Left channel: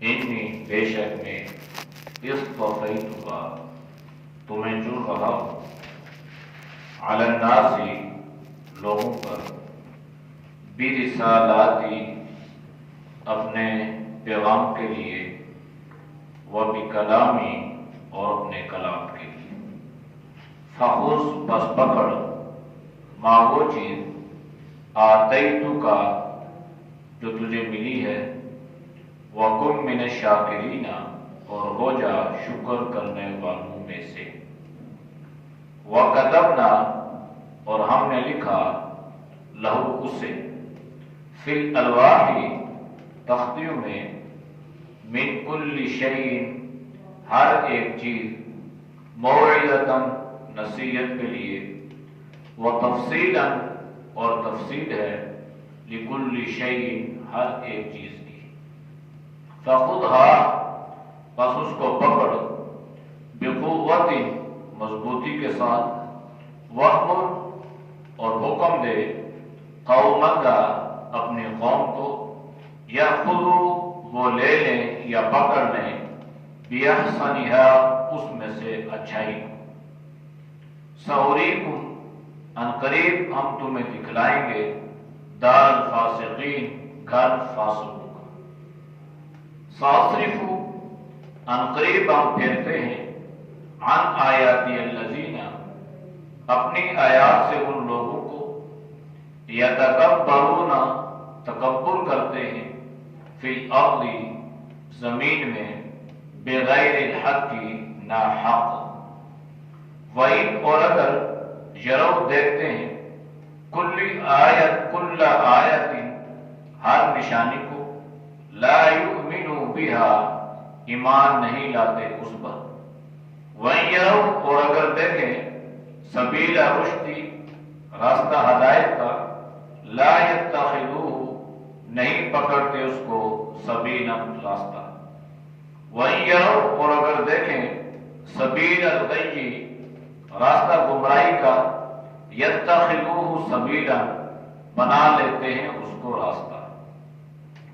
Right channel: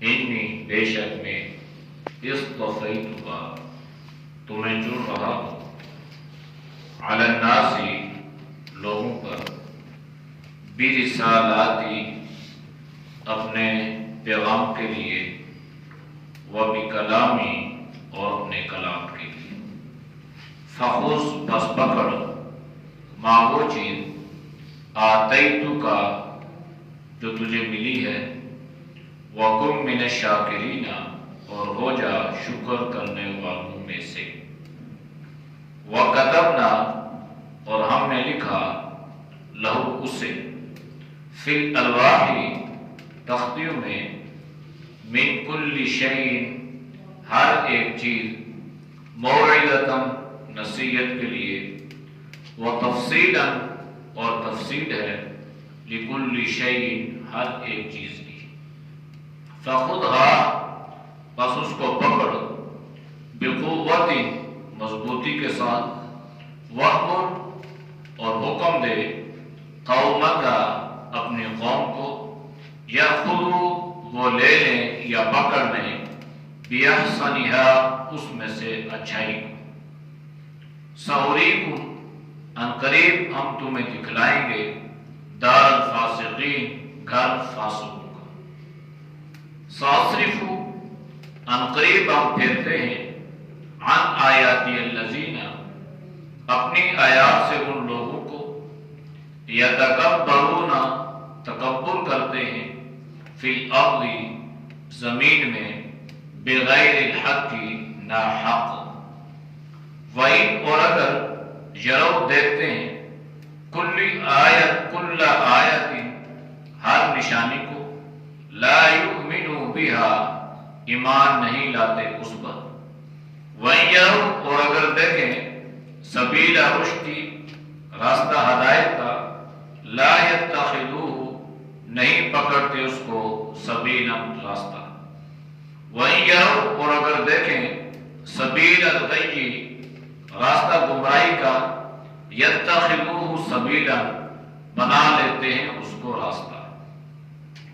انی بے شک میں اصطفیتک تمہیں چن رہا ہوں علی الناس لوگوں پر برسالاتی اپنے پیغام کے لیے وبکلامی اور اپنے کلام کے لیے فخذ پس پکڑ ما وہ چیز آتیتک جو تجھے ملی ہے وَكُن مِّنَ الشَّاكِرِينَ اور ہو جا شکر کرنے والوں میں سے وَكَتَبْنَا اور ہم نے لکھا لہو اسے فی الألواح تختیوں میں من کل شیء ہر ایک چیز موعظۃ نصیحت کے لیے وتفصیلا اور تفصیل ہے لکل شیء ہر ایک چیز کی فخذها پس اس کو پکڑ بقوت مضبوطی کے ساتھ وَأْمُرْ اور حکم دے قومک اپنی قوم کو یأخذوا وہ لے لیں یا پکڑ لیں بِأَحْسَنِهَا اس میں سے اچھائی کو سَأُرِيكُمْ عنقریب ہم تمہیں دکھلائیں گے دار الفاسقین گھر فاسقوں کا سَأَصْرِفُ عنقریب ہم پھیرتے ہیں عن آیاتی الذین اپنی آیات سے ان لوگوں کو یتکبرون تکبر کرتے ہیں فی الارض زمین میں بغیر الحق ناحق وَإِنْ اور اگر یرو دیکھتے ہیں کل آیت ہر نشانی کو لا یؤمنوا بها ایمان نہیں لاتے اس پر وَإِنْ يَرَوْا اور اگر دیکھیں سبیل رشد راستہ ہدایت کا لا يَتَّخِذُوهُ نہیں پکڑتے اس کو سبیلا راستہ وَإِنْ يَرَوْا اور اگر دیکھیں سبیل الغی راستہ گمراہی کا يَتَّخِذُوهُ سبیلا بنا لیتے ہیں اس کو راستہ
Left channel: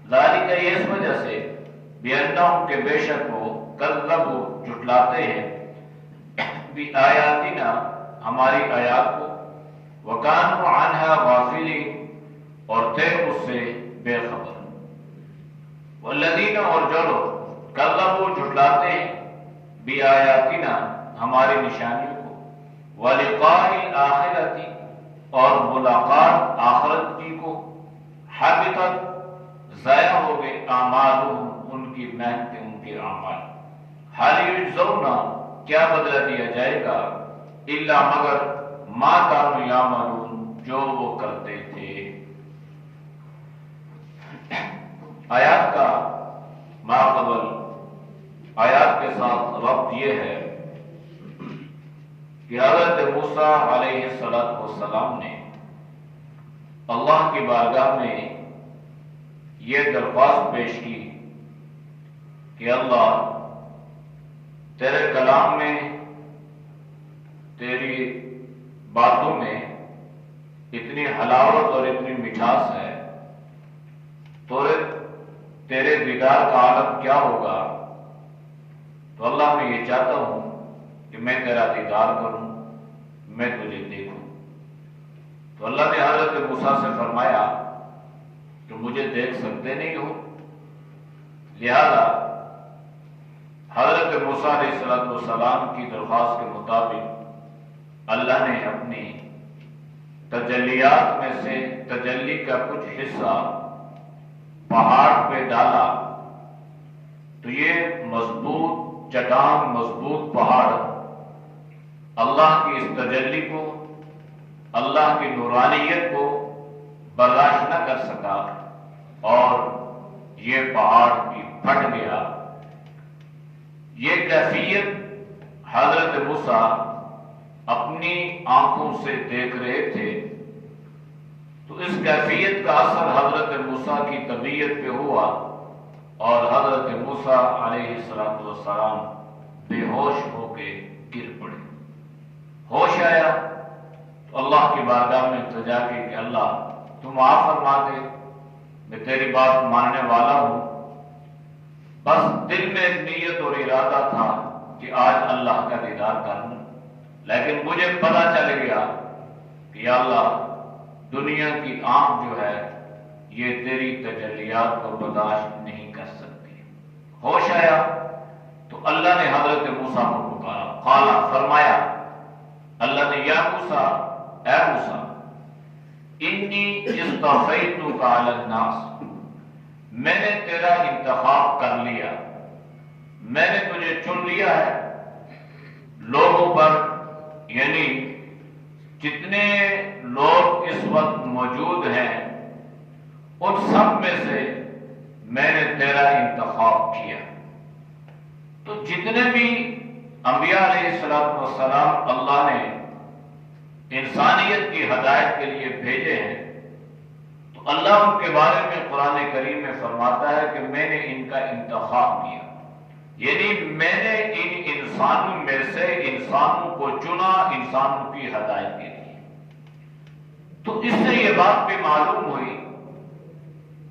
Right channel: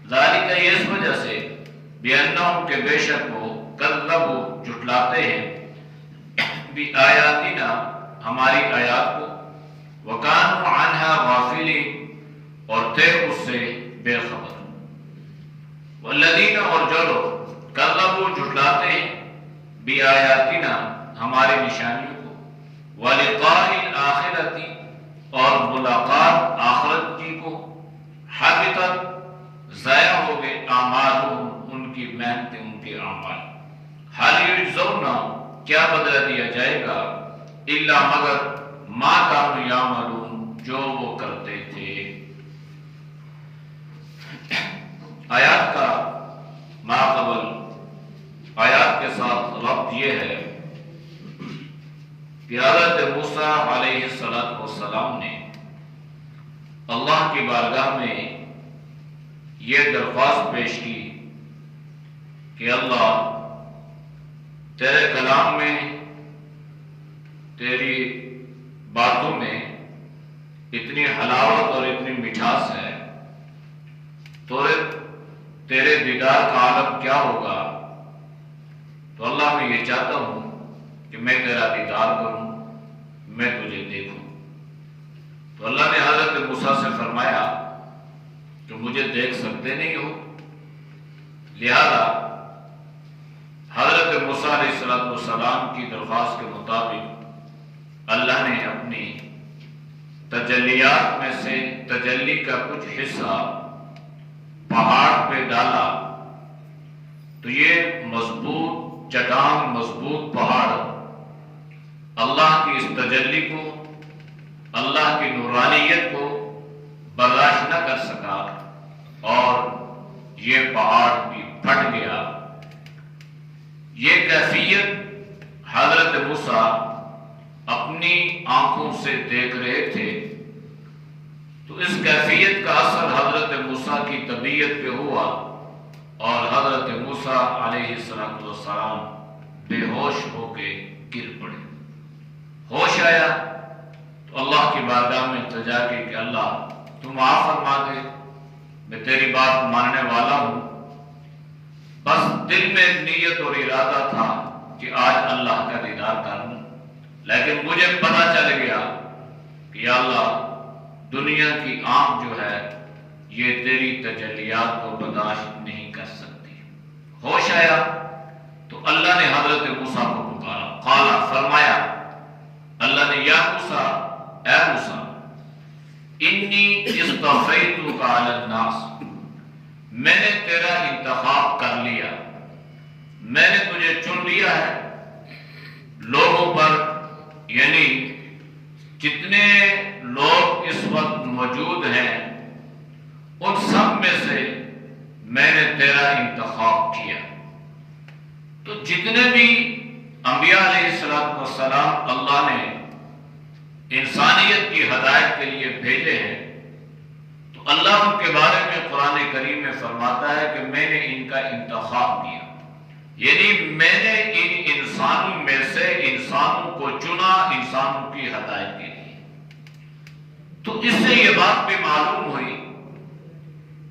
ذالک یہ اس وجہ سے بِأَنَّهُمْ کہ بے شک وہ کذبوا جھٹلاتے ہیں بِآیاتنا ہماری آیات کو وَكَانُوا عَنْهَا غَافِلِينَ اور تھے اس سے بے خبر وَالَّذِينَ اور جو لوگ کذبوا جھٹلاتے ہیں بِآیاتنا ہماری نشانیوں کو وَلِقَاءِ الْآخِرَةِ اور ملاقات آخرت کی کو حبطت ضائع ہو گئے اعمالهم ان کی محنتیں ان کے اعمال حال یجزون کیا بدلہ دیا جائے گا الا مگر ما کانوا یعملون جو وہ کرتے تھے آیات کا ماقبل آیات کے ساتھ ربط یہ ہے کہ حضرت موسیٰ علیہ السلام نے اللہ کی بارگاہ میں یہ درخواست پیش کی کہ اللہ تیرے کلام میں تیری باتوں میں اتنی حلاوت اور اتنی مٹھاس ہے تو تیرے دیدار کا عالم کیا ہوگا تو اللہ میں یہ چاہتا ہوں کہ میں تیرا دیدار کروں میں تجھے دیکھوں تو اللہ نے حضرت موسیٰ سے فرمایا کہ مجھے دیکھ سکتے نہیں ہو لہذا حضرت موسیٰ علیہ السلام کی درخواست کے مطابق اللہ نے اپنی تجلیات میں سے تجلی کا کچھ حصہ پہاڑ پہ ڈالا تو یہ مضبوط چٹان مضبوط پہاڑ اللہ کی اس تجلی کو اللہ کی نورانیت کو برداشت نہ کر سکا اور یہ پہاڑ بھی پھٹ گیا یہ کیفیت حضرت موسیٰ اپنی آنکھوں سے دیکھ رہے تھے تو اس کیفیت کا اثر حضرت موسیٰ کی طبیعت پہ ہوا اور حضرت موسیٰ علیہ السلام بے ہوش ہو کے گر پڑے ہوش آیا تو اللہ کی بارگاہ میں التجا کی کہ اللہ تم معاف فرما دے میں تیری بات ماننے والا ہوں بس دل میں ایک نیت اور ارادہ تھا کہ آج اللہ کا دیدار کروں، لیکن مجھے پتہ چل گیا کہ یا اللہ دنیا کی آنکھ جو ہے یہ تیری تجلیات کو برداشت نہیں کر سکتی۔ ہوش آیا تو اللہ نے حضرت موسیٰ کو پکارا، قالا فرمایا اللہ نے، یا موسیٰ، اے موسیٰ، انی اصطفیتک علی الناس، میں نے تیرا انتخاب کر لیا، میں نے تجھے چن لیا ہے لوگوں پر، یعنی جتنے لوگ اس وقت موجود ہیں ان سب میں سے میں نے تیرا انتخاب کیا۔ تو جتنے بھی انبیاء علیہ السلام اللہ نے انسانیت کی ہدایت کے لیے بھیجے ہیں، تو اللہ ان کے بارے میں قرآن کریم میں فرماتا ہے کہ میں نے ان کا انتخاب کیا، یعنی میں نے ان انسانوں میں سے انسانوں کو چنا انسانوں کی ہدایت کے لیے۔ تو اس سے یہ بات بھی معلوم ہوئی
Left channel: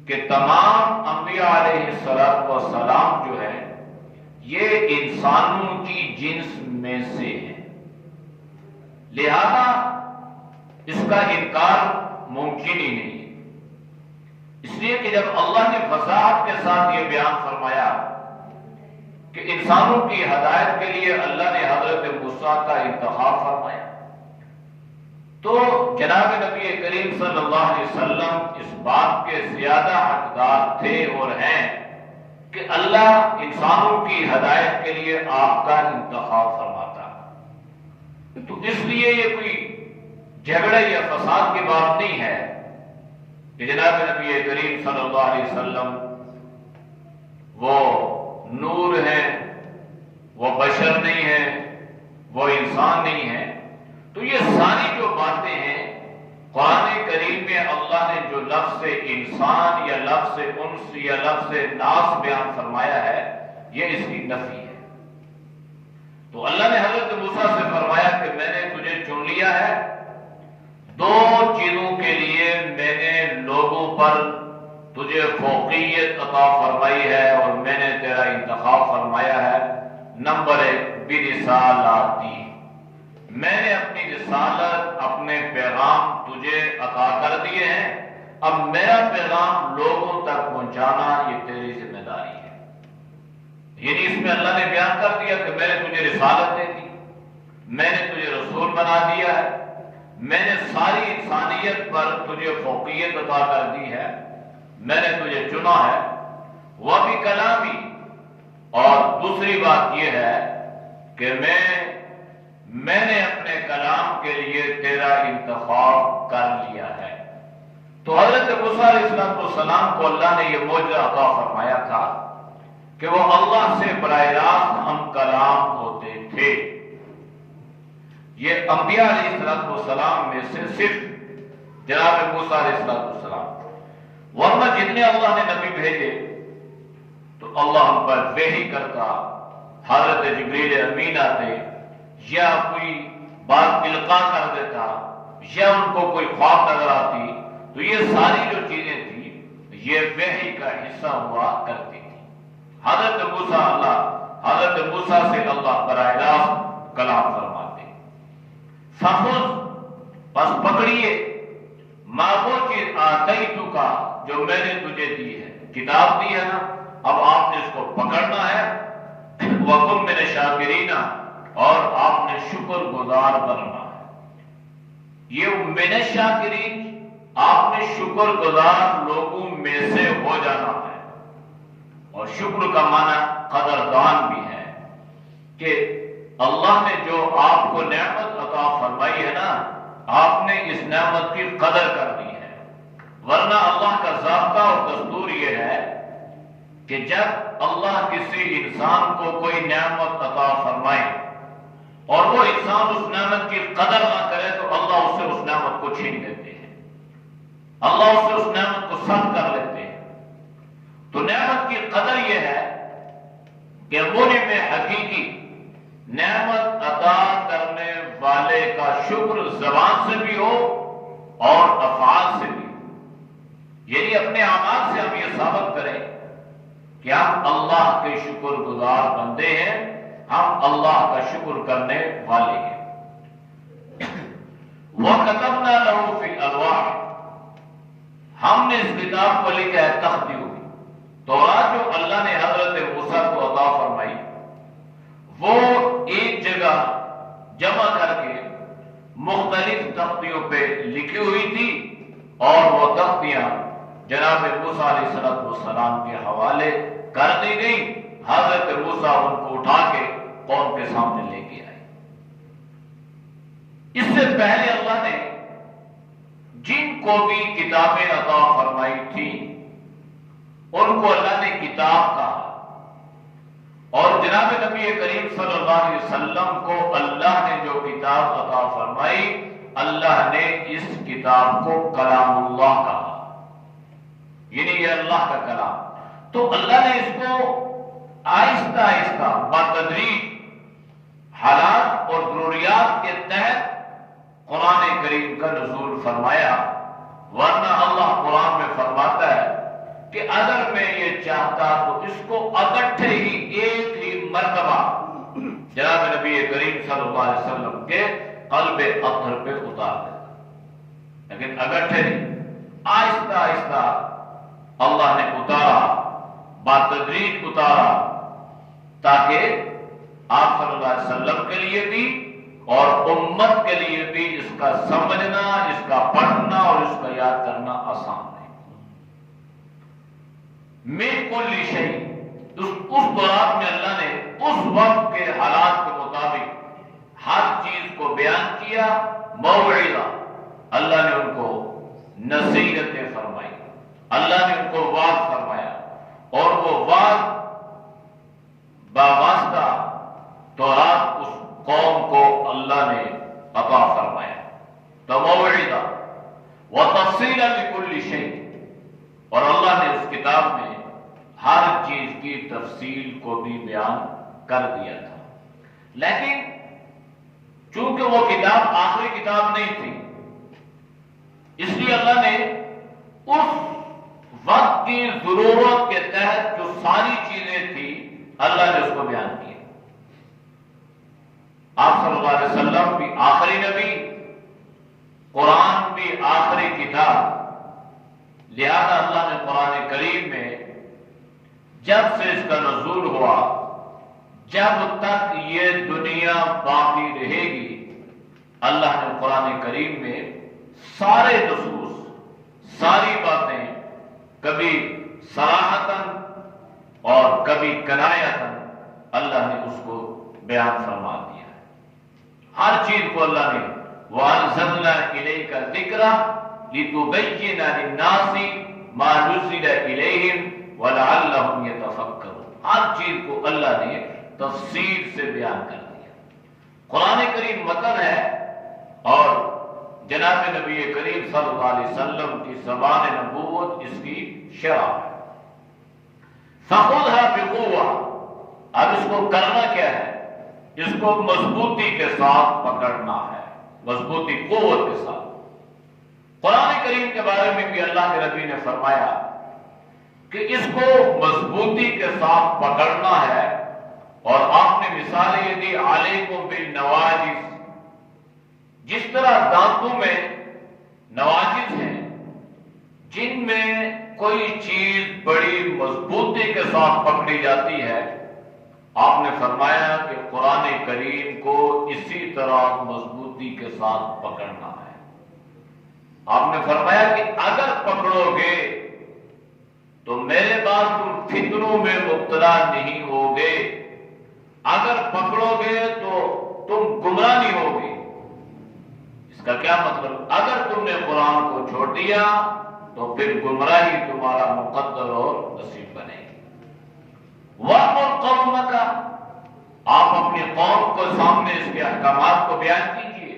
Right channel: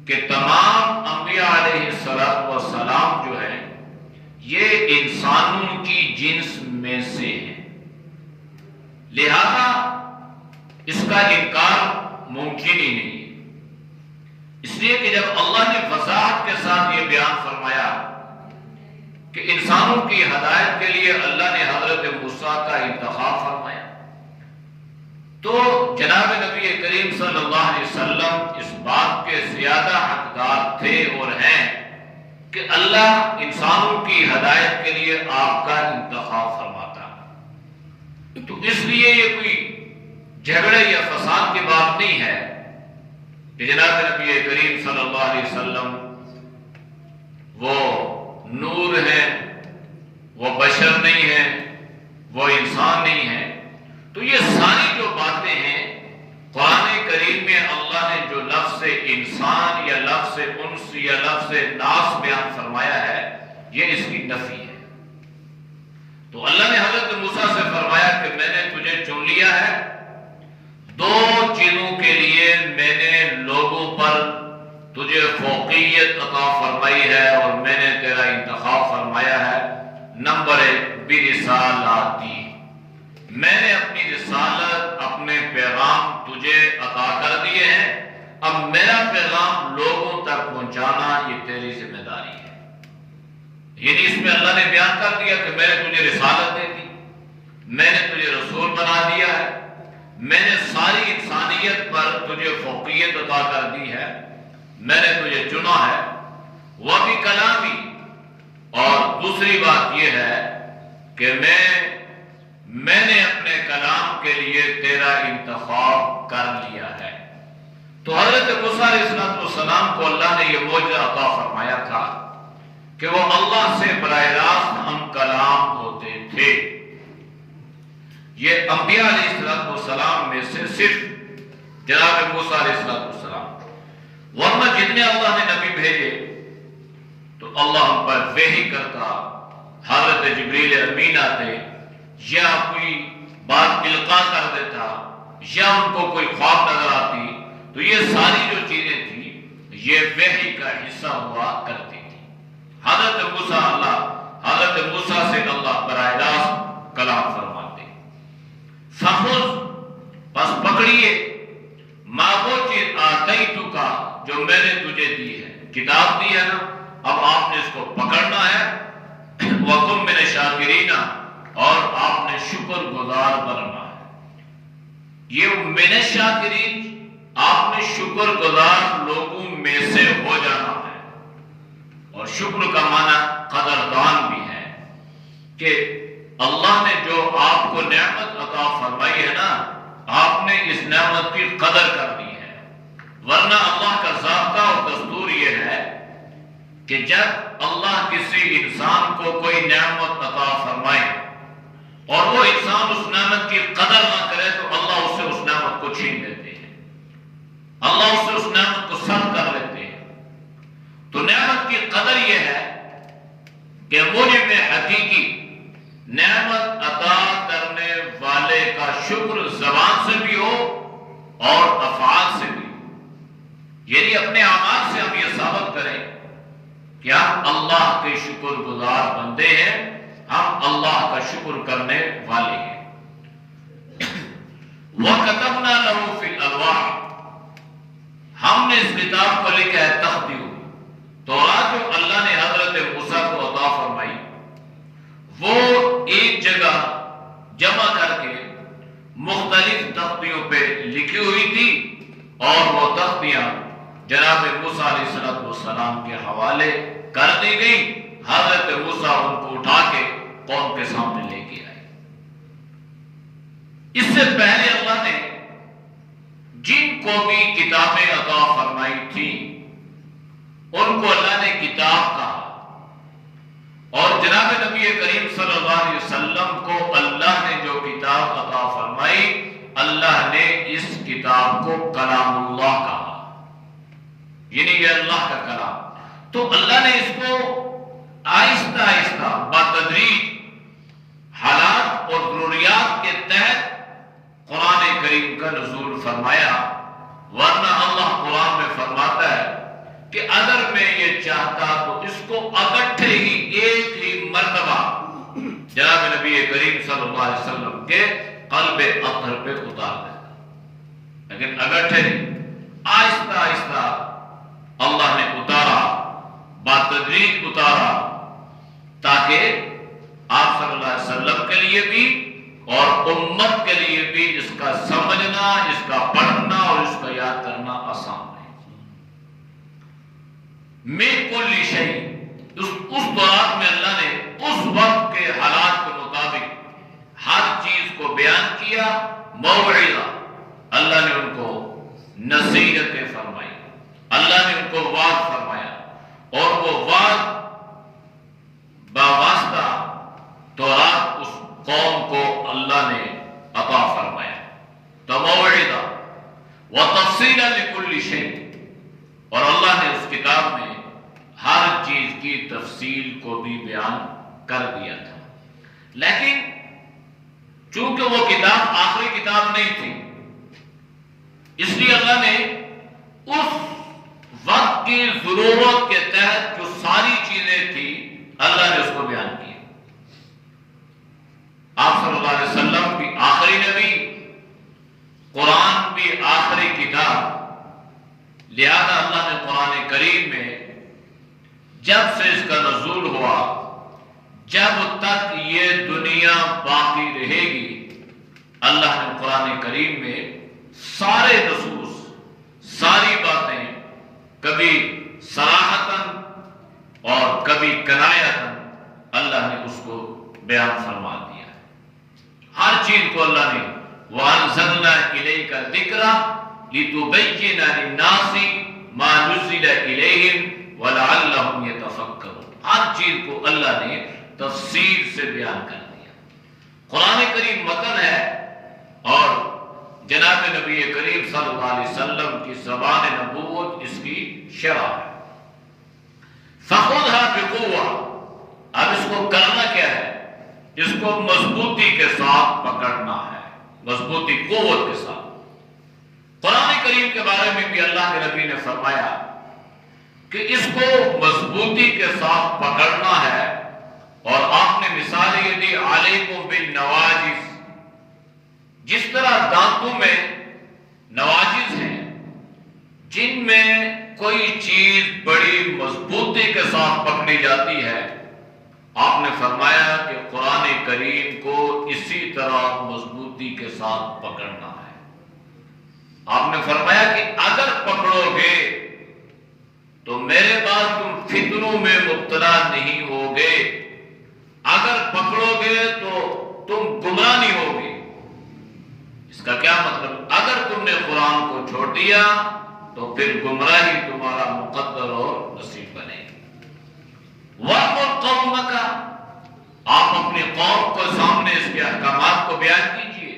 کہ تمام انبیاء علیہ السلام جو ہے یہ انسانوں کی جنس میں سے ہے، لہذا اس کا انکار ممکن ہی نہیں ہے۔ اس لیے کہ جب اللہ نے وضاحت کے ساتھ یہ بیان فرمایا کہ انسانوں کی ہدایت کے لیے اللہ نے حضرت موسیٰ کا انتخاب فرمایا، تو جناب نبی کریم صلی اللہ علیہ وسلم اس بات کے زیادہ حقدار تھے اور ہیں کہ اللہ انسانوں کی ہدایت کے لیے آپ کا انتخاب فرماتا۔ تو اس لیے یہ کوئی جھگڑے یا فساد کی بات نہیں ہے کہ جناب نبی کریم صلی اللہ علیہ وسلم وہ نور ہیں، وہ بشر نہیں ہیں، وہ انسان نہیں ہیں۔ تو یہ ساری جو باتیں ہیں قرآن کریم میں اللہ نے جو لفظ انسان یا لفظ انس یا لفظ ناس بیان فرمایا ہے یہ اس کی نفی ہے۔ تو اللہ نے حضرت موسیٰ سے فرمایا کہ میں نے تجھے چن لیا ہے، دو چیزوں کے لیے میں نے لوگوں پر تجھے فوقیت عطا فرمائی ہے اور میں نے تیرا انتخاب فرمایا ہے۔ نمبر ایک، برسالاتی، میں نے اپنی رسالت، اپنے پیغام تجھے عطا کر دیے ہیں، اب میرا پیغام لوگوں تک پہنچانا یہ تیری ذمہ داری ہے۔ یعنی اس میں اللہ نے بیان کر دیا کہ میں نے تجھے رسالت دے دی، میں نے تجھے رسول بنا دیا ہے، میں نے ساری انسانیت پر تجھے فوقیت عطا کر دی ہے، میں نے تجھے چنا ہے۔ وہ بھی کلامی، اور دوسری بات یہ ہے کہ میں نے اپنے کلام کے لیے تیرا انتخاب کر لیا ہے۔ تو حضرت موسیٰ علیہ السلام کو اللہ نے یہ معجزہ عطا فرمایا تھا کہ وہ اللہ سے براہ راست ہم کلام ہوتے تھے۔ یہ انبیاء علیہ السلام میں سے صرف جناب موسیٰ علیہ السلام، ورنہ جتنے اللہ نے نبی بھیجے تو اللہ ہم پر وحی کرتا، حضرت جبریل امین آتے، یا کوئی بات القاء کر دیتا، یا ان کو کوئی خواب نظر آتی، تو یہ ساری جو چیزیں تھیں یہ وحی کا حصہ ہوا کرتی تھی۔ حضرت موسیٰ سے اللہ براہ راست کلام فرماتے۔ فخذ، پس پکڑیے، ما وہ چیز آتیتک، جو میں نے تجھے دی ہے، کتاب دی ہے نا، اب آپ نے اس کو پکڑنا ہے۔ وَكُن مِّنَ الشَّاكِرِينَ، اور آپ نے شکر گزار بننا ہے۔ یہ من الشاکرین، آپ نے شکر گزار لوگوں میں سے ہو جانا ہے۔ اور شکر کا معنی قدردان بھی ہے کہ اللہ نے جو آپ کو نعمت عطا فرمائی ہے نا، آپ نے اس نعمت کی قدر کر دی ہے۔ ورنہ اللہ کا ضابطہ اور دستور یہ ہے کہ جب اللہ کسی انسان کو کوئی نعمت عطا فرمائے اور وہ انسان اس نعمت کی قدر نہ کرے تو اللہ اس سے اس نعمت کو چھین لیتے ہیں، اللہ اس سے اس نعمت کو سلب کر لیتے ہیں۔ تو نعمت کی قدر یہ ہے کہ موجب حقیقی نعمت عطا کرنے والے کا شکر زبان سے بھی ہو اور افعال سے بھی ہو۔ یعنی اپنے اعمال سے ہم یہ ثابت کریں کہ ہم اللہ کے شکر گزار بندے ہیں، ہم اللہ کا شکر کرنے والے ہیں۔ وَكَتَبْنَا لَهُ فِي الْأَلْوَاحِ، ہم نے اس کتاب کو لکھا ہے تختیوں میں۔ تورات جو اللہ نے حضرت موسیٰ کو عطا فرمائی وہ ایک جگہ جمع کر کے مختلف تختیوں پہ لکھی ہوئی تھی، اور وہ تختیاں جناب موسیٰ علیہ السلام کے حوالے کر دی گئی۔ حضرت موسیٰ ان کو اٹھا کے قوم کے سامنے لے کے آئے۔ اس سے پہلے اللہ نے جن کو بھی کتابیں عطا فرمائی تھی ان کو اللہ نے کتاب کہا، اور جناب نبی کریم صلی اللہ علیہ وسلم کو اللہ نے جو کتاب عطا فرمائی، اللہ نے اس کتاب کو کلام اللہ کہا، یعنی یہ اللہ کا کلام۔ تو اللہ نے اس کو آہستہ آہستہ بتدریج حالات اور ضروریات کے تحت قرآن کریم کا نزول فرمایا، ورنہ اللہ قرآن میں فرماتا ہے کہ اگر میں یہ چاہتا تو اس کو اکٹھے ہی ایک ہی مرتبہ جناب نبی کریم صلی اللہ علیہ وسلم کے قلب اطہر پہ اتار دیتا، لیکن اکٹھے آہستہ آہستہ اللہ نے اتارا، بتدریج اتارا، تاکہ آپ صلی اللہ علیہ وسلم کے لیے بھی اور امت کے لیے بھی اس کا سمجھنا، اس کا پڑھنا اور اس کا یاد کرنا آسان ہے۔ من کل شیء، اس دوران میں اللہ نے اس وقت کے حالات کے مطابق ہر چیز کو بیان کیا۔ موعظہ، اللہ نے ان کو نصیحتیں فرمائی، اللہ نے ان کو وعظ فرمایا، اور وہ وعظ باواسطہ تورات اس قوم کو اللہ نے عطا فرمایا۔ تو موعظہ وتفصیلا لکل شیء، اور اللہ نے اس کتاب میں ہر چیز کی تفصیل کو بھی بیان کر دیا تھا، لیکن چونکہ وہ کتاب آخری کتاب نہیں تھی، اس لیے اللہ نے اس وقت کی ضرورت کے تحت جو ساری چیزیں تھی اللہ نے اس کو بیان کیا۔ آپ صلی اللہ علیہ وسلم بھی آخری نبی، قرآن بھی آخری کتاب، لہذا اللہ نے قرآن کریم میں جب سے اس کا نزول ہوا، جب تک یہ دنیا باقی رہے گی، اللہ نے قرآن کریم میں سارے نصوص، ساری باتیں کبھی صراحتاً اور کبھی کنایتاً اللہ نے اس کو بیان فرما دیا۔ ہر چیز کو اللہ نے وَأَنزَلْنَا إِلَيْكَ الذِّكْرَ لِتُبَيِّنَ لِلنَّاسِ مَا نُزِّلَ إِلَيْهِمْ وَلَعَلَّهُمْ يَتَفَكَّرُونَ، ہر چیز کو اللہ نے تفصیل سے بیان کر دیا۔ قرآن کریم متن ہے، اور جناب نبی کریم صلی اللہ علیہ وسلم کی زبان نبوت اس کی شرح ہے۔ فَخُذْهَا بِقُوَّةٍ، اب اس کو کرنا کیا ہے؟ اس کو مضبوطی کے ساتھ پکڑنا ہے، مضبوطی، قوت کے ساتھ۔ قرآن کریم کے بارے میں بھی اللہ کے نبی نے فرمایا کہ اس کو مضبوطی کے ساتھ پکڑنا ہے، اور آپ نے مثالیں یہ دی، علیکم بالنواجذ، جس طرح دانتوں میں نواجذ ہیں جن میں کوئی چیز بڑی مضبوطی کے ساتھ پکڑی جاتی ہے، آپ نے فرمایا کہ قرآن کریم کو اسی طرح مضبوطی کے ساتھ پکڑنا ہے۔ آپ نے فرمایا کہ اگر پکڑو گے تو میرے بعد تم فتنوں میں مبتلا نہیں ہوگے، اگر پکڑو گے تو تم گمراہ نہیں ہوگے۔ اس کا کیا مطلب؟ اگر تم نے قرآن کو چھوڑ دیا تو پھر گمراہی تمہارا مقدر اور نصیب بنے گی۔ وَأْمُرْ قَوْمَكَ، آپ اپنی قوم کو سامنے اس کے احکامات کو بیان کیجئے،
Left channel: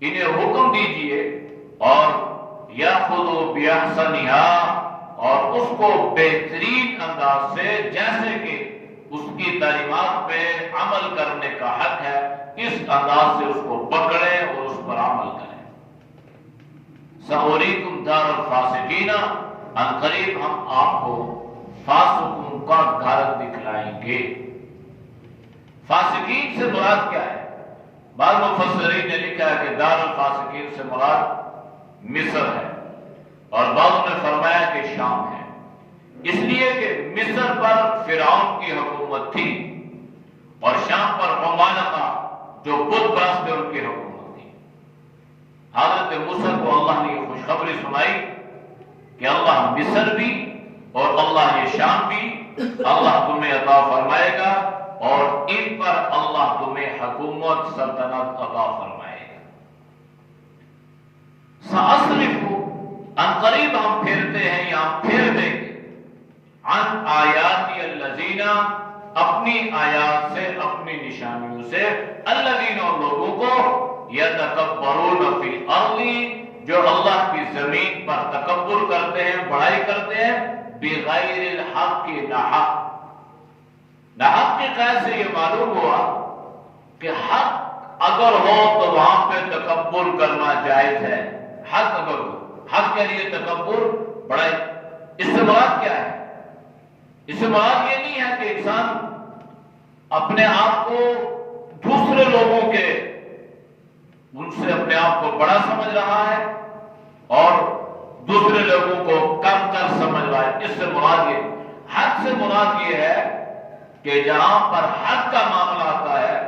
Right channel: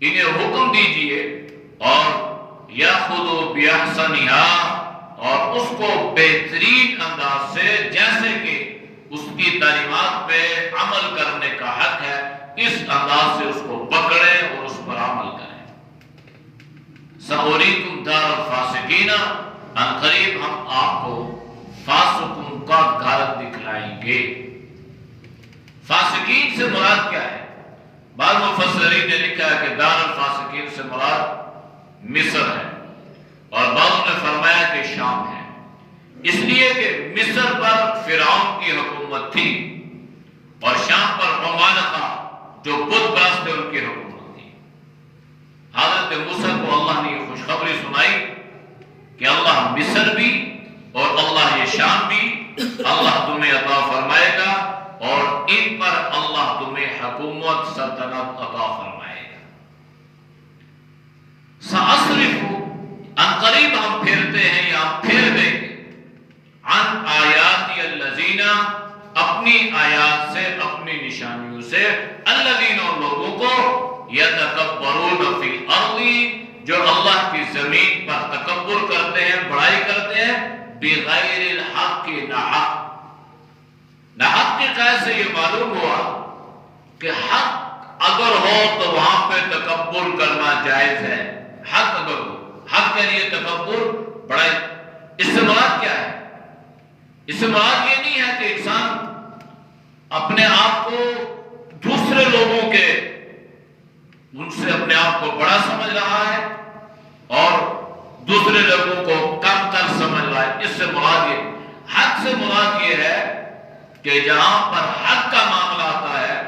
انہیں حکم دیجئے، اور يَأْخُذُوا بِأَحْسَنِهَا، اور اس کو بہترین انداز سے، جیسے کہ اس کی تعلیمات پہ عمل کرنے کا حق ہے، اس انداز سے اس کو پکڑیں اور اس پر عمل کریں۔ سَأُرِيكُمْ دَارَ الْفَاسِقِينَ، ان قریب ہم آپ کو فاسقوں کا گھر دکھلائیں گے۔ فاسقین سے مراد کیا ہے؟ بعض مفسرین نے لکھا ہے کہ دار الفاسقین سے مراد مصر ہے، اور بعضوں نے فرمایا کہ شام ہے، اس لیے کہ مصر پر فرعون کی حکومت تھی اور شام پر عمالقہ جو بت پرست تھے ان کی حکومت تھی۔ حضرت موسیٰ کو اللہ نے یہ خوشخبری سنائی کہ اللہ مصر بھی اور اللہ یہ شام بھی اللہ تمہیں عطا فرمائے گا، اور ان پر اللہ تمہیں حکومت سلطنت عطا فرمائے گا۔ سأصرف ان قریب ہم پھیرتے ہیں یا ہم پھیر دیں گے عن آیات الذین اپنی آیات سے اپنی نشانیوں سے الذین اور لوگوں کو یتکبرون فی الارض جو اللہ کی زمین پر تکبر کرتے ہیں، بڑائی کرتے ہیں، بغیر الحق ناحق۔ ناحق کے قید سے یہ معلوم ہوا کہ حق اگر ہو تو وہاں پہ تکبر کرنا جائز ہے۔ حق اگر ہو، حق کے لیے تکبر بڑائی، اس سے مراد کیا ہے؟ اس سے مراد یہ نہیں ہے کہ انسان اپنے آپ کو دوسرے لوگوں کے ان سے اپنے آپ کو بڑا سمجھ رہا ہے اور دوسرے لوگوں کو کم تر سمجھ رہا ہے۔ اس سے مراد یہ، حق سے مراد یہ ہے کہ جہاں پر حق کا معاملہ آتا ہے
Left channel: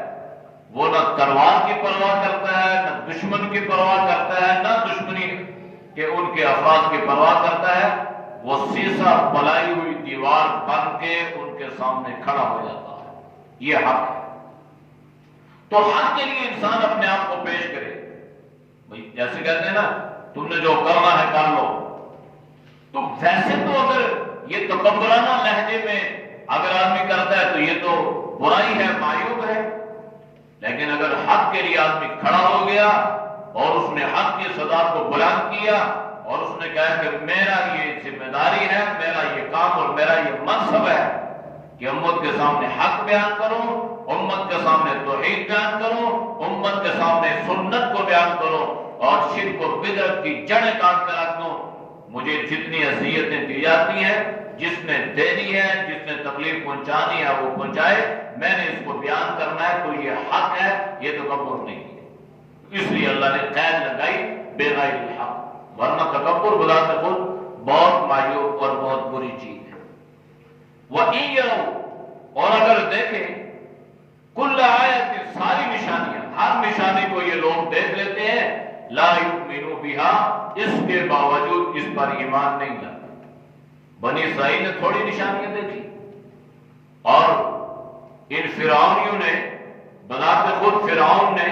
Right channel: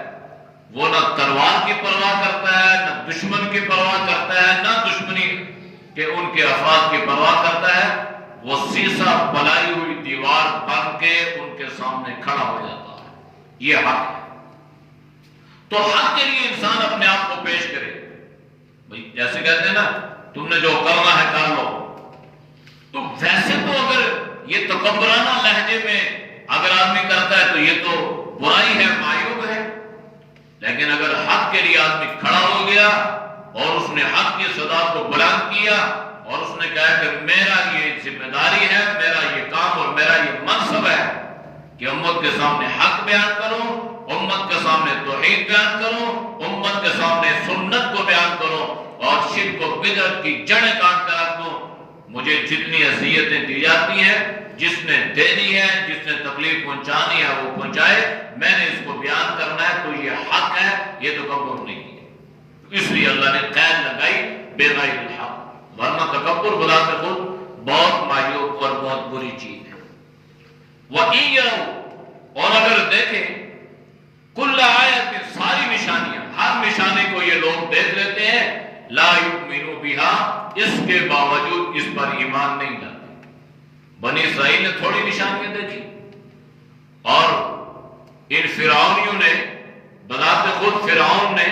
وہ نہ تلوار کی پرواہ کرتا ہے، نہ دشمن کی پرواہ کرتا ہے، نہ دشمنی کے ان کے افراد کی پرواہ کرتا ہے، وہ سیسا بلائی ہوئی دیوار بن کے ان کے سامنے کھڑا ہو جاتا ہے۔ یہ حق ہے۔ تو حق کے لیے انسان اپنے آپ کو پیش کرے، بھائی جیسے کہتے ہیں نا تم نے جو کرنا ہے کر لو، تو ویسے تو اگر یہ تکبرانہ لہجے میں اگر آدمی کرتا ہے تو یہ تو برائی ہے، معیوب ہے، لیکن اگر حق کے لیے آدمی کھڑا ہو گیا اور اس نے حق کی صدا کو بلند کیا اور اس نے کہا کہ میرا یہ ذمہ داری ہے، میرا یہ کام اور میرا یہ منصب ہے کہ امت کے سامنے حق بیان کروں، امت کے سامنے توحید بیان کروں، امت کے سامنے سنت کو بیان کروں اور شرک و بدعت کی جڑیں کاٹ کر رکھ دوں۔ مجھے جتنی اذیتیں دی جاتی ہیں، جس نے دینی ہے، جس نے تکلیف پہنچانی ہے وہ پہنچائے، میں نے اس کو بیان کرنا ہے، تو یہ حق ہے، یہ تکبر نہیں ہے۔ اس لیے اللہ نے قید لگائی بغیر الحق، ورنہ تکبر بلا کر بہت معیوب اور بہت بری چیز ہے۔ وَإِن يَرَوْا اور اگر دیکھیں کل آیت ساری نشانیاں، ہر نشانی کو یہ لوگ دیکھ لیتے ہیں، لا یؤمنوا بها اس کے باوجود اس پر ایمان نہیں لاتے۔ بنی اسرائیل نے تھوڑی نشانیاں دیکھی اور ان فرعونیوں نے بذات خود فرعون نے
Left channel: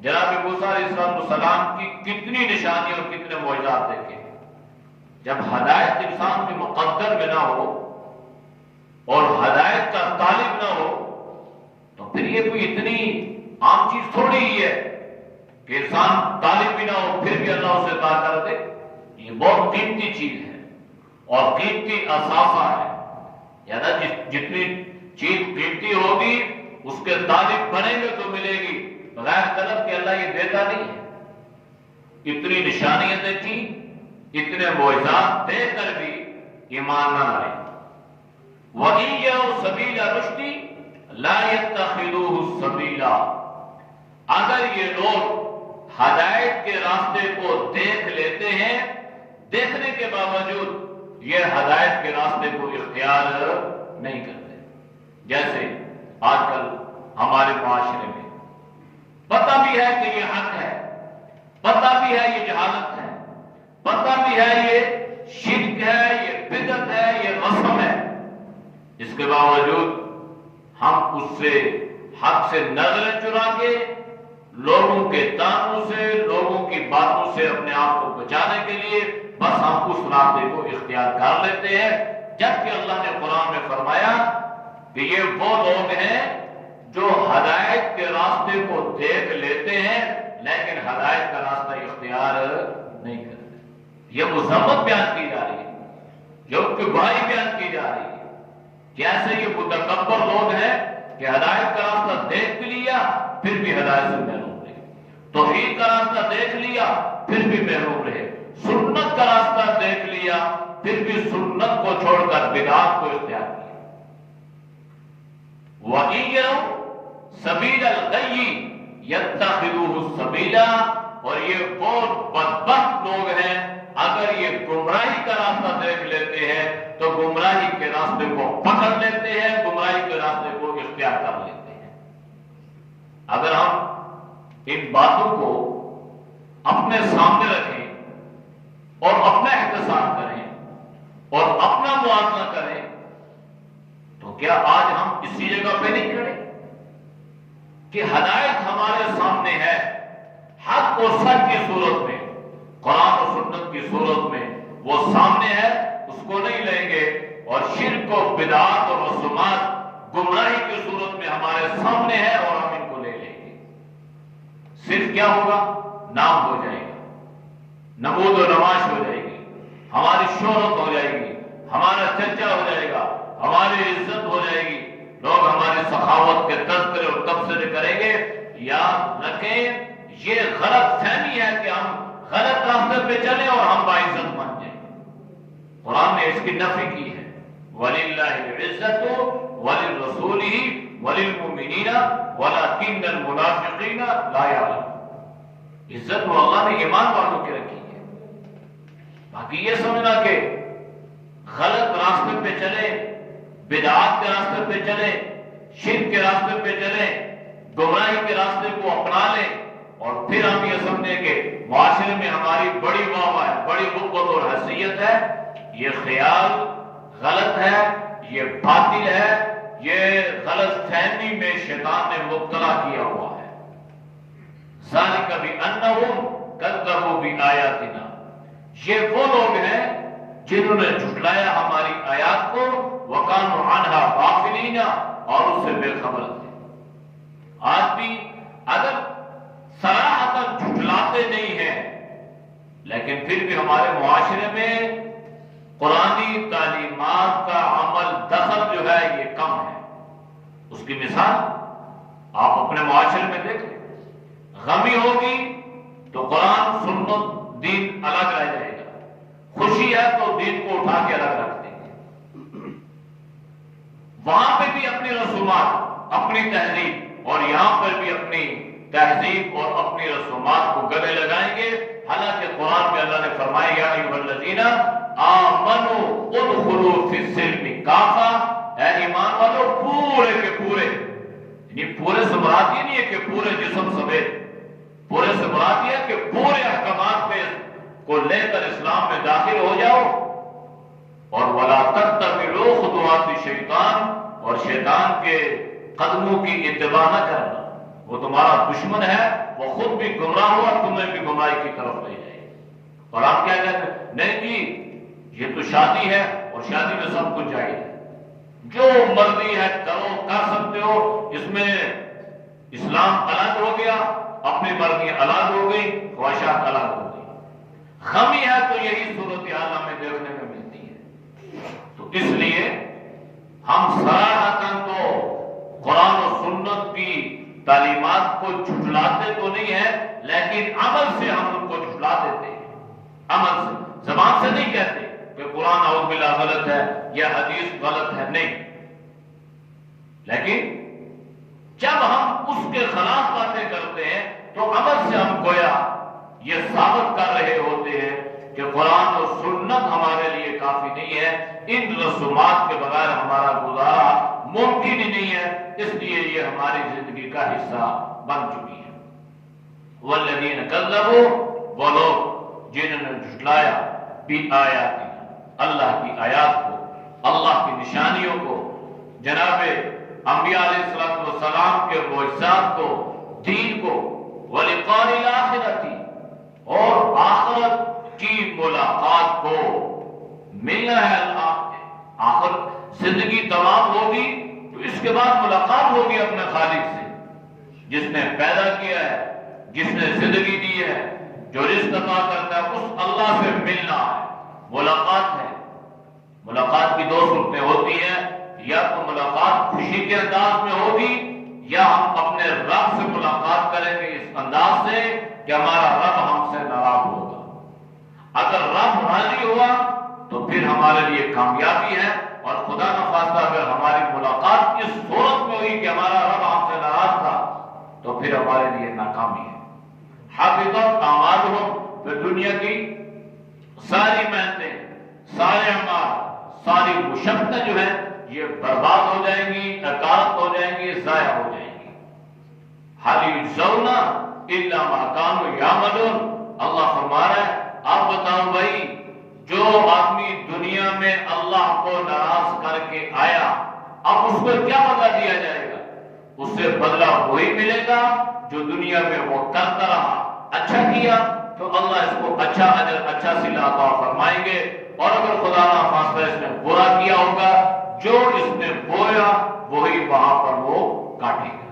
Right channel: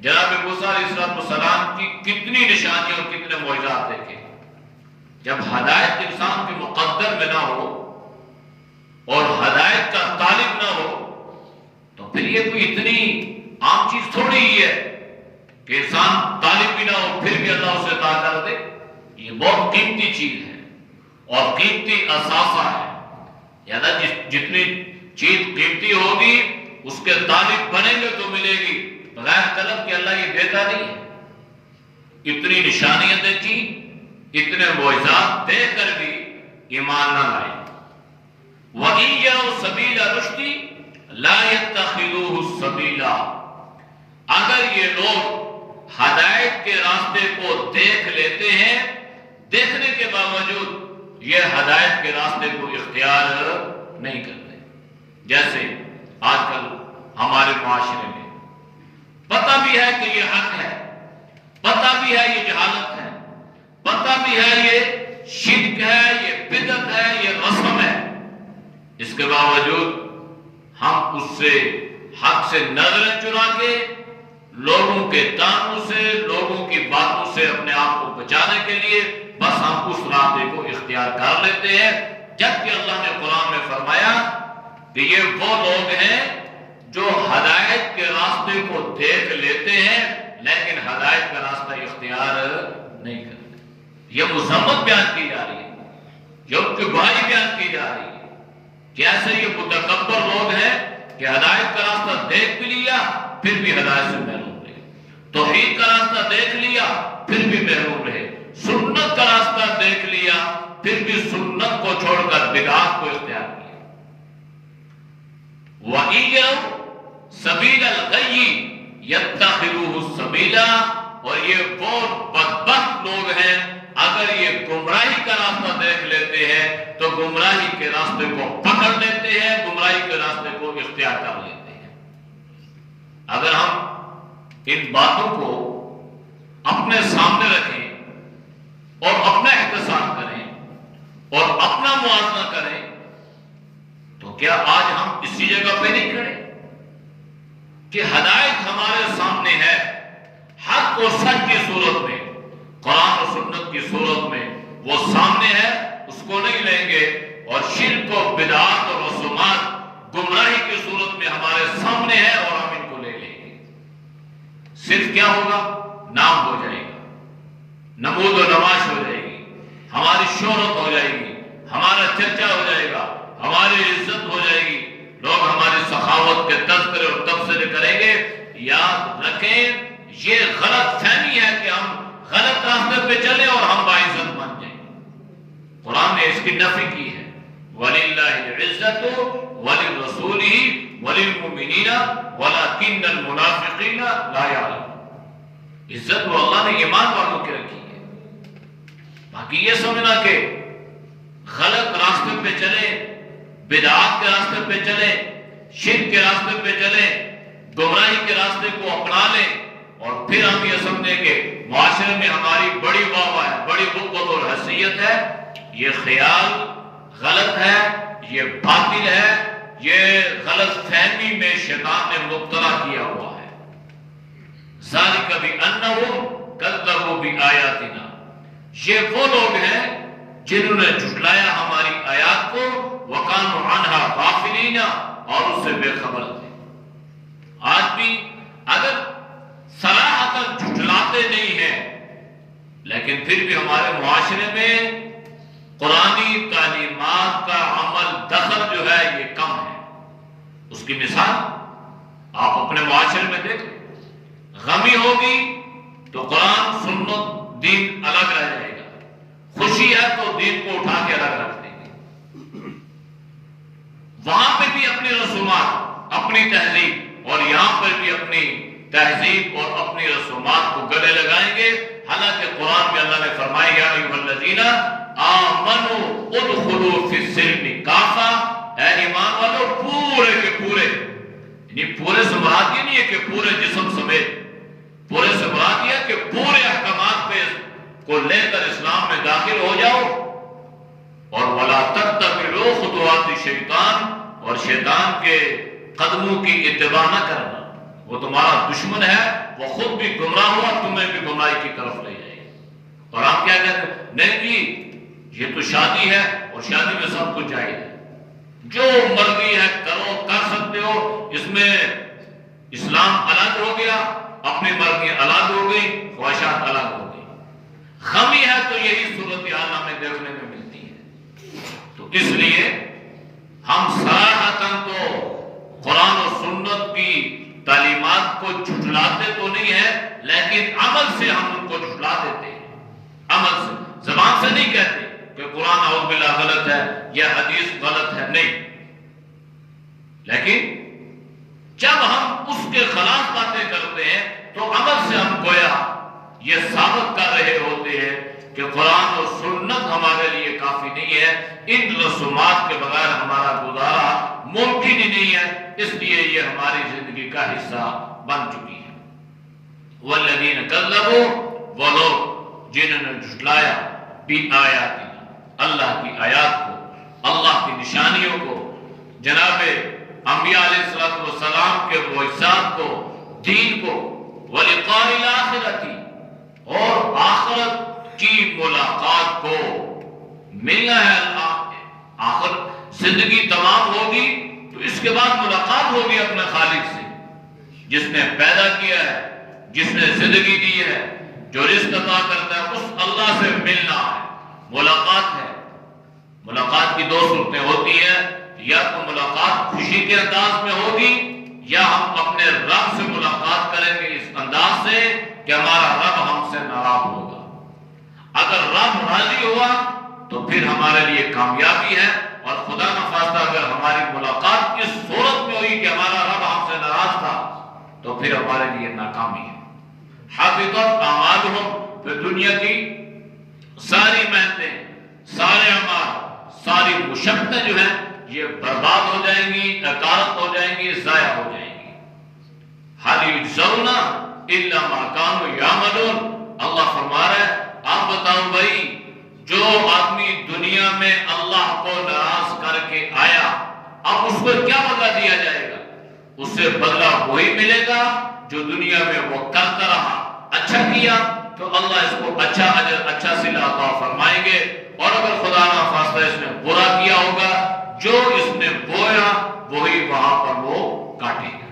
جناب موسیٰ علیہ السلام کی کتنی نشانیاں اور کتنے معجزات دیکھے۔ جب ہدایت انسان کے مقدر میں نہ ہو اور ہدایت کا طالب نہ ہو تو پھر یہ کوئی اتنی عام چیز تھوڑی ہی ہے کہ انسان طالب بھی نہ ہو پھر بھی اللہ اسے عطا کر دے۔ یہ بہت قیمتی چیز ہے اور قیمتی اثاثہ ہے، یعنی جتنی چیز قیمتی ہوگی اس کے طالب بنیں گے تو ملے گی، بغیر طلب کہ اللہ یہ دیتا نہیں ہے۔ اتنی نشانیاں دیکھی، اتنے معجزات دے کر بھی ایمان نہ لائے۔ وَإِن يَرَوْا سَبِيلَ الرُّشْدِ لَا يَتَّخِذُوهُ سَبِيلًا اگر یہ لوگ ہدایت کے راستے کو دیکھ لیتے ہیں، دیکھنے کے باوجود یہ ہدایت کے راستے کو اختیار نہیں کرتے۔ جیسے آج کل ہمارے معاشرے میں پتہ بھی ہے کہ یہ حق ہے، پتہ بھی ہے یہ جہالت ہے، پتہ بھی ہے یہ شرک ہے، یہ بدعت ہے، یہ رسم ہے، اس کے باوجود ہم اس سے حق سے نظریں چرا کے لوگوں کے تانوں سے، لوگوں کی باتوں سے اپنے آپ کو بچانے کے لیے بس ہم اس راستے کو اختیار کر لیتے ہیں، جبکہ اللہ نے قرآن میں فرمایا کہ یہ وہ لوگ ہیں جو ہدایت کے راستے کو دیکھ لیتے ہیں لیکن ہدایت کا راستہ اختیار نہیں کرتے۔ یہ مذمت بیان کی جا رہی ہے، یہ ان کی برائی بیان کی جا رہی ہے کہ ایسے یہ متکبر لوگ ہیں کہ ہدایت کا راستہ دیکھ بھی لیا پھر بھی ہدایت سے محروم رہے، توحید کا راستہ دیکھ لیا پھر بھی محروم رہے، سنت کا راستہ دیکھ لیا پھر بھی سنت کو چھوڑ کر بدعات کو اختیار کیا۔ وَإِن يَرَوْا سَبِيلَ الْغَيِّ يَتَّخِذُوهُ سَبِيلًا، اور یہ بہت بدبخت لوگ ہیں، اگر یہ گمراہی کا راستہ دیکھ لیتے ہیں تو گمراہی کے راستے کو پکڑ لیتے ہیں، گمراہی کے راستے کو اختیار کر لیتے ہیں۔ اگر ہم ان باتوں کو اپنے سامنے رکھیں اور اپنا احتساب کریں اور اپنا موازنہ کریں تو کیا آج ہم اسی جگہ پہ نہیں کھڑے کہ ہدایت ہمارے سامنے ہے، حق و سچ کی صورت میں، قرآن و سنت کی صورت میں وہ سامنے ہے، اس کو نہیں لیں گے، اور شرک و بدعات اور رسومات گمراہی کی صورت میں ہمارے سامنے ہے اور ہم ان کو لے لیں گے۔ صرف کیا ہوگا؟ نام ہو جائے گا، نمود و نمائش ہو جائے گی، ہماری شہرت ہو جائے گی، ہمارا چرچا ہو جائے گا، ہماری عزت ہو جائے گی، لوگ ہماری سخاوت کے تذکرے اور تبصرے کریں گے۔ یاد رکھیں یہ غلط فہمی ہے کہ ہم غلط راستے پہ چلیں اور ہم باعزت بن جائیں۔ قرآن نے اس کی نفی کی ہے، وَلِلَّهِ الْعِزَّةُ وَلِلرَّسُولِهِ وَلِلْمُؤْمِنِينَ وَلَكِنَّ الْمُنَافِقِينَ لَا يَعْلَمُونَ۔ عزت وہ اللہ نے ایمان والوں کی رکھی ہے، باقی یہ سمجھنا کہ غلط راستے پہ چلیں، بدعات کے راستے پہ چلیں، شرک کے راستے پہ چلیں، گمراہی کے راستے کو اپنا لیں اور پھر ہم یہ سمجھیں کہ معاشرے میں ہماری بڑی واہ واہ ہے، بڑی قوت اور حیثیت ہے، یہ خیال غلط ہے، یہ باطل ہے، یہ غلط فہمی میں شیطان نے مبتلا کیا ہوا ہے۔ ذَلِكَ بِأَنَّهُمْ كَذَّبُوا بِآيَاتِنَا، یہ وہ لوگ ہیں جنہوں نے جھٹلایا ہماری آیات کو، وَكَانُوا عَنْهَا غَافِلِينَ، اور اس سے بے خبر تھے۔ آج بھی اگر صراحتاً جھٹلاتے نہیں ہیں لیکن پھر بھی ہمارے معاشرے میں قرآنی تعلیمات کا عمل دخل جو ہے یہ کم ہے۔ اس کی مثال آپ اپنے معاشرے میں دیکھیں، غمی ہوگی تو قرآن سنت دین الگ رہ جائے گا، خوشی ہے تو دین کو اٹھا کے الگ رکھ دیں گے، وہاں پہ بھی اپنی رسومات، اپنی تہذیب، اور یہاں پر بھی اپنی تہذیب اور اپنی رسومات کو گلے لگائیں گے۔ حالانکہ قرآن میں اللہ نے فرمایا یا ایھا الذین آمنوا ادخلوا فی السلم کافہ، اے ایمان والو پورے کے پورے، یعنی پورے سے مراد یہ نہیں ہے کہ پورے جسم سمیت، پورے سے مراد یہ ہے کہ پورے احکامات پہ کو لے کر اسلام میں داخل ہو جاؤ، اور ولا تتبعوا خطوات الشیطان، اور شیطان کے قدموں کی اتباع نہ کرنا، وہ تمہارا دشمن ہے، وہ خود بھی گمراہ ہوا، تمہیں بھی گمراہی کی طرف لے جائے گا۔ اور آپ کیا کہتے ہیں؟ نہیں جی یہ تو شادی ہے اور شادی میں سب کچھ جائز ہے، جو مرضی ہے کرو، کر سکتے ہو، اس میں اسلام الگ ہو گیا، اپنی مرضی الگ ہو گئی، خواہشات الگ ہو گئی۔ خمی ہے تو یہی صورتحال ہمیں دیکھنے میں ملتی ہے۔ تو اس لیے ہم صراحتاً تو قرآن و سنت کی تعلیمات کو جھٹلاتے تو نہیں ہیں، لیکن عمل سے ہم ان کو جھٹلا دیتے ہیں، عمل سے، زبان سے نہیں کہتے کہ قرآن اعوذ باللہ غلط ہے یا حدیث غلط ہے، نہیں، لیکن جب ہم اس کے خلاف باتیں کرتے ہیں تو عمل سے ہم گویا یہ ثابت کر رہے ہوتے ہیں کہ قرآن و سنت ہمارے لیے کافی نہیں ہے، ان رسومات کے بغیر ہمارا گزارا ممکن ہی نہیں ہے، اس لیے یہ ہماری زندگی کا حصہ بن چکی ہے۔ والذین کذبوا، وہ لوگ جنہوں نے جھٹلایا بآیاتنا، اللہ کی آیات کو، اللہ کی نشانیوں کو، جناب انبیاء علیہ السلام کے معجزات کو، دین کو، ولقاء الآخرۃ، اور آخرت کی ملاقات کو، ملنا ہے اللہ، آخر زندگی تمام ہوگی تو اس کے بعد ملاقات ہوگی اپنے خالق سے، جس نے پیدا کیا ہے، جس نے زندگی دی ہے، جو رزق عطا کرتا ہے، اس اللہ سے ملنا ہے، ملاقات ہے۔ ملاقات کی دو صورتیں ہوتی ہیں، یا تو ملاقات خوشی کے انداز میں ہوگی، یا ہم اپنے رب سے ملاقات کریں گے اس انداز سے کہ ہمارا رب ہم سے ناراض ہوگا۔ اگر رب راضی ہوا تو پھر ہمارے لیے کامیابی ہے، اور خدا نخواستہ اگر ہماری ملاقات اس صورت میں ہوئی پھر ہمارے لیے ناکامی ہے۔ حبطت اعمالہم، پھر دنیا کی ساری محنتیں، سارے اعمال، ساری مشقتیں جو ہیں یہ برباد ہو جائیں گی، اکارت ہو جائیں گی، ضائع ہو جائیں گی۔ هل یجزون الا ما كانوا یعملون، اللہ فرما رہا ہے آپ بتاؤ بھائی، جو آدمی دنیا میں اللہ کو ناراض کر کے آیا، اب اس کو کیا بدلہ دیا جائے گا؟ اس سے بدلہ وہی ملے گا جو دنیا میں وہ کرتا رہا، اچھا کیا تو اللہ اس کو اچھا اجر، اچھا صلہ عطا فرمائیں گے، اور اگر خدا نہ خواستہ اس نے برا کیا ہوگا، جو اس نے بویا وہی وہاں پر وہ کاٹے گا۔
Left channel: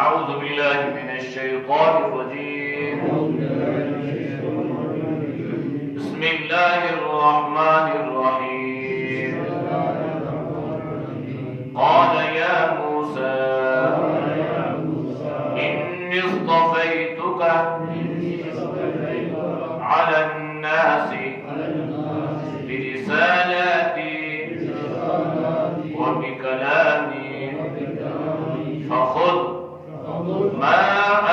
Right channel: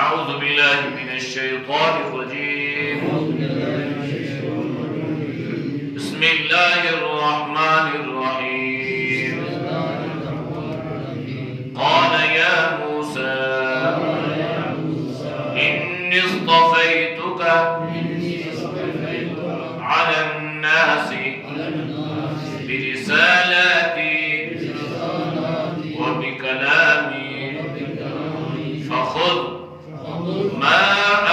اعوذ باللہ من الشیطان الرجیم، بسم اللہ الرحمن الرحیم، قال یا موسیٰ انی اصطفیتک علی الناس برسالاتی وبکلامی فخذ ما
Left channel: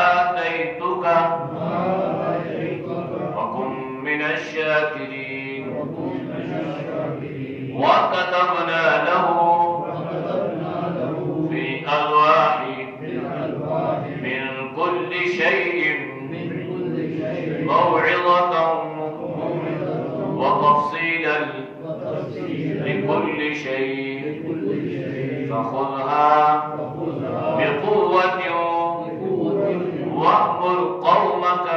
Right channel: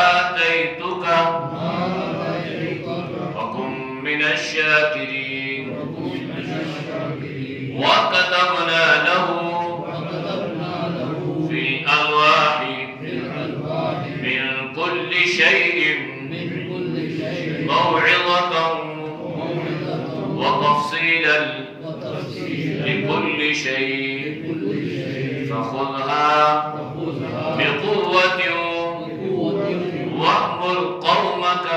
آتیتک وکن من الشاکرین، وكتبنا له في الألواح من كل شيء موعظة وتفصيلا لكل شيء فخذها بقوة وأمر قومك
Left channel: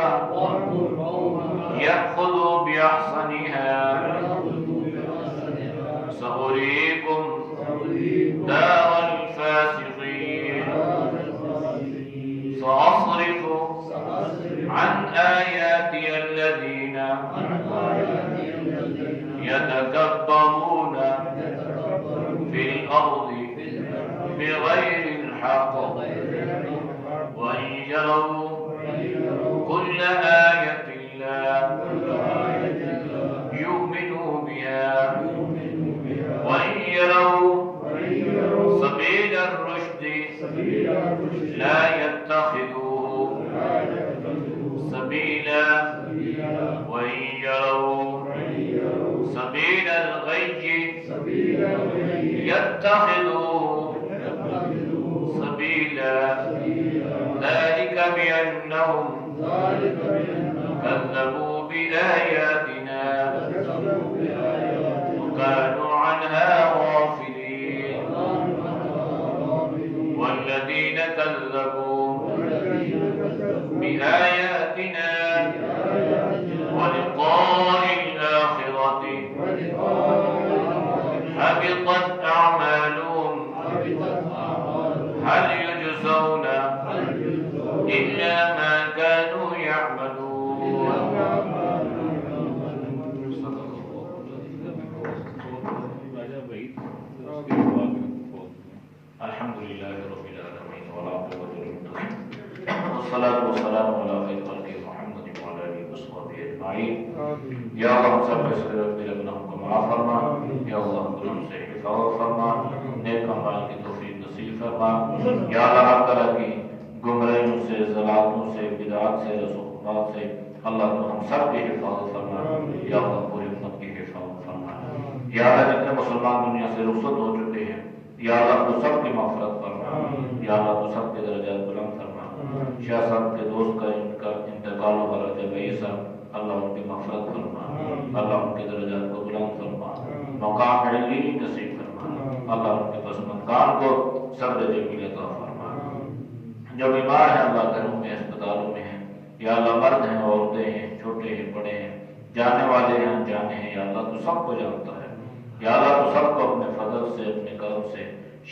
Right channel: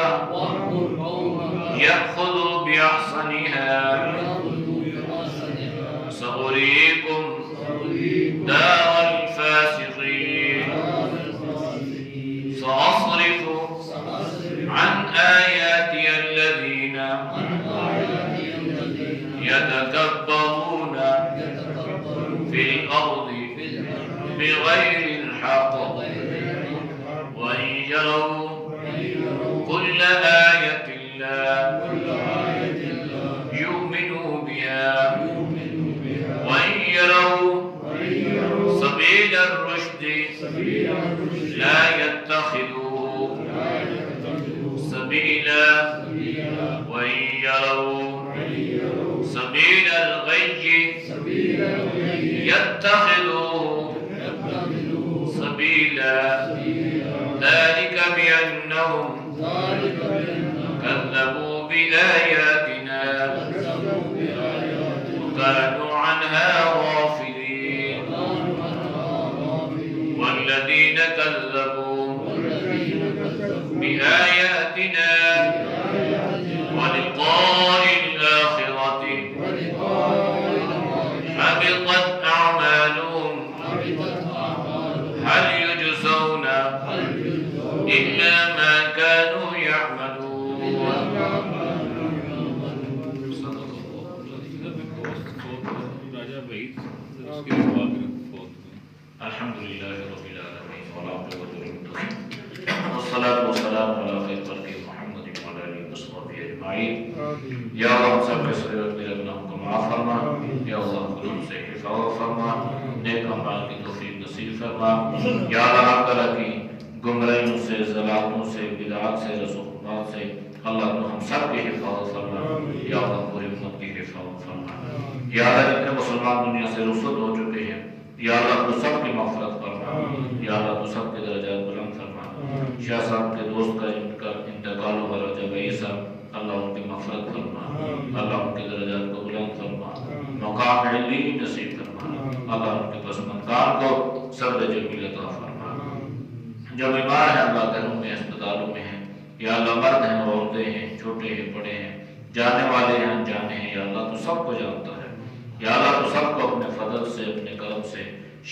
يأخذوا بأحسنها سأريكم دار الفاسقين، سأصرف عن آياتي الذين يتكبرون في الأرض بغير الحق وإن يروا كل آية لا يؤمنوا بها وإن يروا سبيل الرشد لا يتخذوه سبيلا وإن يروا سبيل الغي يتخذوه سبيلا، ذلك بأنهم كذبوا بآياتنا وكانوا عنها غافلين، والذين كذبوا بآياتنا ولقاء الآخرة حبطت أعمالهم هل يجزون إلا ما كانوا يعملون۔ الحمد لله رب العالمين والصلاة والسلام على خير خلق محمد وعلى آله وصحبه أجمعين۔ یا اللہ ہم سب کے صغیر میرے گناہوں کو معاف فرما، یا اللہ گناہوں سے حفاظت فرما، نیک اعمال کی توفیق نصیب فرما، یا اللہ ہر طرح کی گمراہیوں سے، ضلالتوں سے، بدعات سے، رسوخات سے اللہ تو ہم سب کی حفاظت فرما، یا اللہ پوری امت کی حفاظت فرما، یا اللہ جتنے مسلمان دنیا سے رخصت ہو چکے ہیں یا اللہ تو سب کی مغفرت فرما، یا اللہ تو سب کے درجات بلند فرما۔ شاہ صاحب کے دوست کا انتقال ہوا راجہ بھائی صاحب، اللہ ان کی مغفرت فرما، اللہ ان کے درجات کو بلند فرما، مقام علی نصیب فرما، اللہ ان کے پسماندگان کو صبر جمیل عطا فرما۔ جو بیمار ہیں اللہ گھروں میں اسپتالوں میں ہیں، یا اللہ مرد ہیں عورتیں ہیں، چھوٹے ہیں بڑے ہیں، جانے والے ہیں انجانے ہیں، یا اللہ تو سب کو جانتا ہے، یا اللہ تو سب کو اپنے فضل سے اپنے کرم سے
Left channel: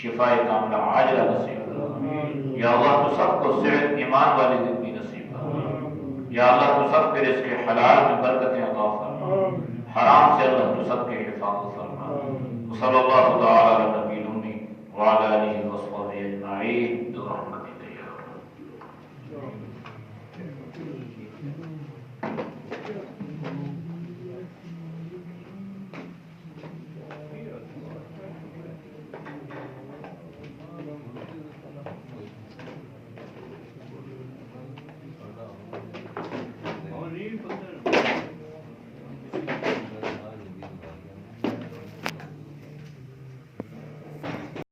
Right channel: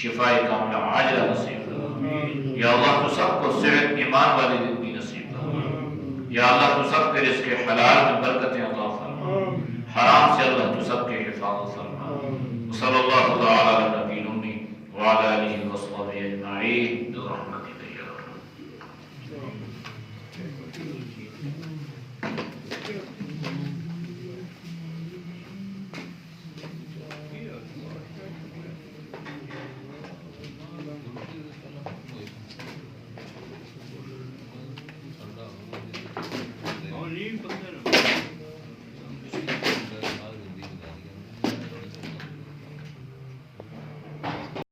شفاء کاملہ عاجلہ نصیب فرما، یا اللہ تو سب کو صحت ایمان والی زندگی نصیب فرما، یا اللہ تو سب کے رزق حلال میں برکتیں عطا فرما، حرام سے اللہ تو سب کے حفاظت فرما۔ صلی اللہ تعالی